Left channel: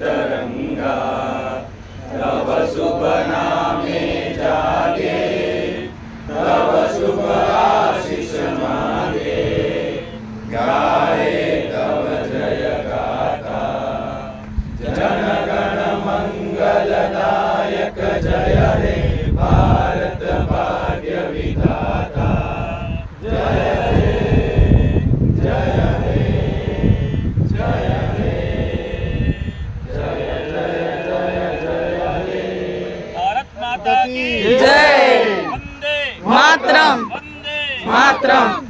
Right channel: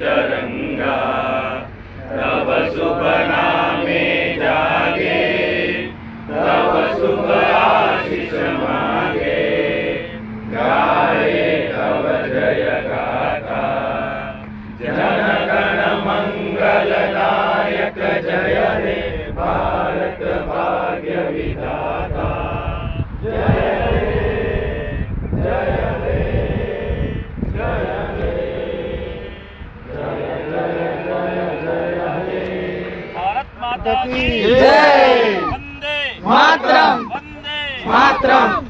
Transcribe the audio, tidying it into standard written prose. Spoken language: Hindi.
तरंगा, तव शुभ नामे जागे, तव शुभ आशीष मांगे, गाए तव जय गाथा। जन गण मंगलदायक जय हे भारत भाग्य विधाता। जय हे जय हे जय हे जय जय जय जय हे। भारत माता की जय। वंदे मातरम। वंदे मातरम।